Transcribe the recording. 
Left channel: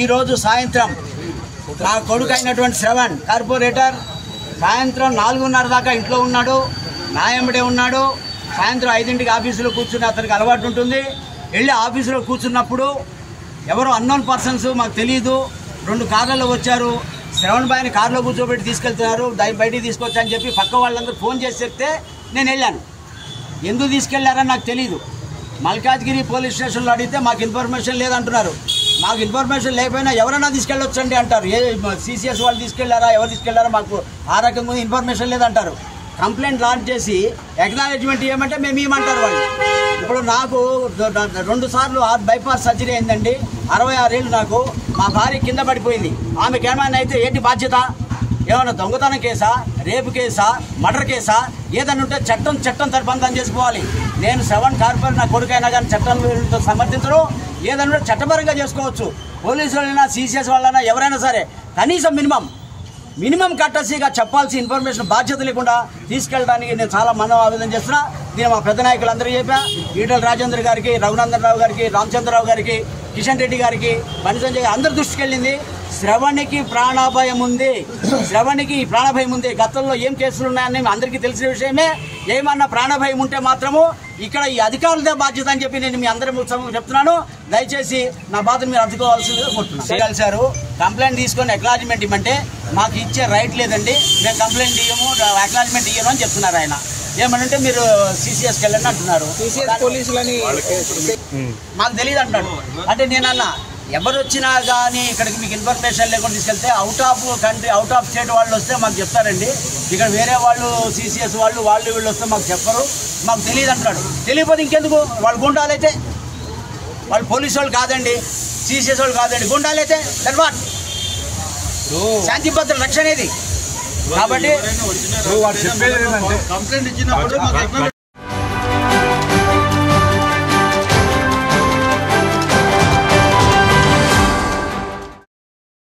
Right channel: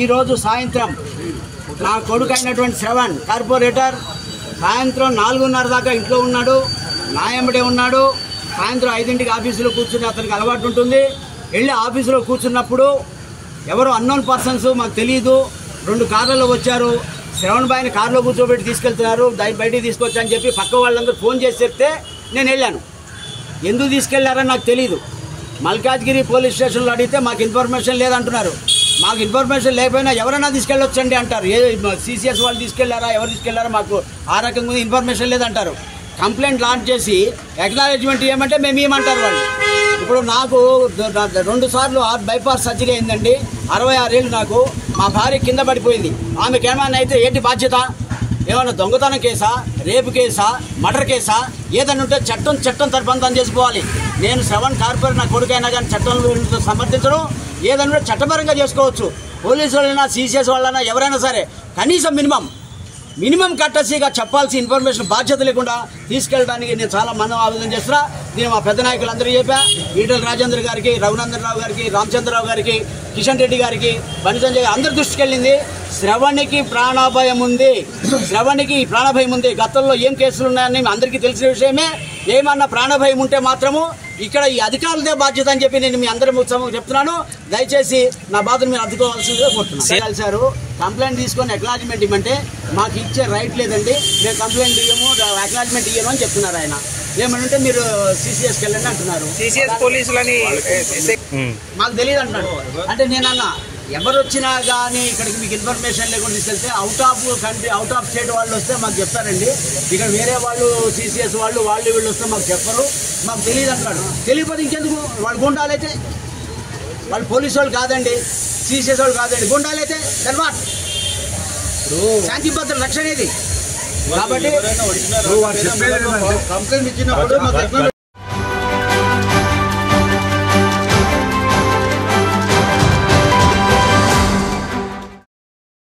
ఈరోజు సాయంత్రం నా కొడుకు అయినటువంటి శ్రవణ్ కార్పొరేటర్ సాయంత్రం 4:30 దాకా ఇంట్లో ఉన్నాడు, నా వెంబడే ఉన్నాడు. సాయంత్రం 5ంటికి ఆఫీసులో కూర్చుని అతనికి అలవాటు ఉంటుంది. వెళ్ళి ఆఫీసులో కూర్చున్నప్పుడు ఎవరో అన్నోన్ పర్సన్స్ మాకు తెలియదు 2 కార్లలో వచ్చారు. శ్రవణ్ బాయ్ని కారులో కూర్చోబెట్టి తీసుకెళ్తున్నారు, బయటికి తీసుకొచ్చని చెప్పి పక్క వాళ్ళందరూ ఫోన్ చేసి చెప్తే నేను వెళ్ళాను. ఎందుకు తీసుకెళ్లారని నాకు తెలియదు. మల్కాజ్గిరి పోలీస్ స్టేషన్లో అడిగితే మాకు ఇన్ఫర్మేషన్ లేదంటున్నారు. మాకు ఇన్ఫర్మేషన్ లేకపోయినా ఎవరైనా తీసుకెళ్ళొచ్చండి అంటారు. సిసిఎస్ వాళ్ళు తీసుకెళ్లారా, ఎవరు తీసుకెళ్లారా మాకు ఆ రకంగా ఇన్ఫర్మేషన్ లేదంటారు. కంప్లైంట్ లాంచ్ చేసి అక్నాలెడ్జ్మెంట్ ఇవ్వమంటే మేము ఇవ్వమంటారు వాళ్ళు. ఇప్పుడు నాకు 2 సార్లు బైపాస్ సర్జరీ అయిందండి. 66 ఏళ్ళు నాకు. మా భార్య కింద పడిపోయింది. ఆమెకి ఏమైనా అయితే ఏంటి బాధ్యత? ఏమైనా దొంగతనం కేసా, రేపు కేసా, మర్డర్ కేసా? ఏదన్నా ఉంటే చట్టం తరపంతం చేసుకోవాలి. నేను శ్రవణ్ కార్పొరేటర్ నా కొడుకైనా కానీ చట్టాలను సమర్థించడం ఏదన్నా చట్టపరంగా చేసుకోవచ్చు. పోలీసు వాళ్ళైనా సిసిఎస్ వాళ్ళైనా ఎవరైనా సరే కనీసం మినిమం కట్టసీగా చెప్పాల్సిన ఇన్ఫర్మేషన్ బాధ్యత లేకుండా తీసుకెళ్ళడానికి నేను చాలా ఆవేదన చేస్తున్నా. నేను మా పెద్ద నాయకులందరూ చెప్పా, ఈటల రాజేంద్ర గారికి, రఘునందన్ రావు గారికి, రామచంద్రరావు గారికి, కిషన్ రెడ్డి గారికి, బండి సంజయ్ అందరి దృష్టికి వెళ్ళింది. శ్రవణ్కి ప్రాణభయం ఉంది. గతంలో ఏం కేసులు ఉన్నాయని అందరికీ తెలిసిన విషయమే. ఏమన్నా ప్రాణభయం ఉంటే మాత్రము ఇక్కడ ఈ అధికారులదే బాధ్యత అని చెప్పి నేను మీ అందరి చెప్తున్నాను. దయచేసి నా బాధను మీరు అర్థుకోవాల్సిందిగా కోరుతున్నాను. కలిసారు, కంప్లైంట్ తీసుకొని అక్నాలెడ్జ్మెంట్ ఇవ్వమంటే మాకు ఇచ్చే రైట్ లేదండి, మేము కంప్లైంట్ ఇవ్వము, అక్నాలెడ్జ్మెంట్ ఇవ్వను అని చెప్తున్నారు ఆయన. ఏమనంటే మీరు సిసిఎస్కి వెళ్ళండి అంటున్నారు. సిసిఎస్ పోలీసులని మాకు తెలియదు అంటున్నాడు. అంటే నేనన్నా ఎవరు వచ్చినా కానీ ఇక్కడికి మీకు ఇన్ఫర్మేషన్ లేకుండా తీసుకెళ్తే out of country, out of state వాళ్ళు వస్తే మాకు చెప్తారండి. ఇక్కడ వేరే వాళ్ళు సిసిఎస్ వాళ్ళు వీళ్ళు వస్తే మాకు చెప్పరు, మాకు తెలియదు అంటున్నాడు. తెలియకపోతే ఇంకెందుకు? వాళ్ళు గుండాలైతే, వాళ్ళు పోలీసు వాళ్ళు కాదండి, సిసిఎస్ వాళ్ళు కాదండి, గుండాలైతే తర్వాత శాంతి భద్రత రక్షణ ఇది. కాబట్టి కంప్లైంట్ ఇచ్చినప్పుడు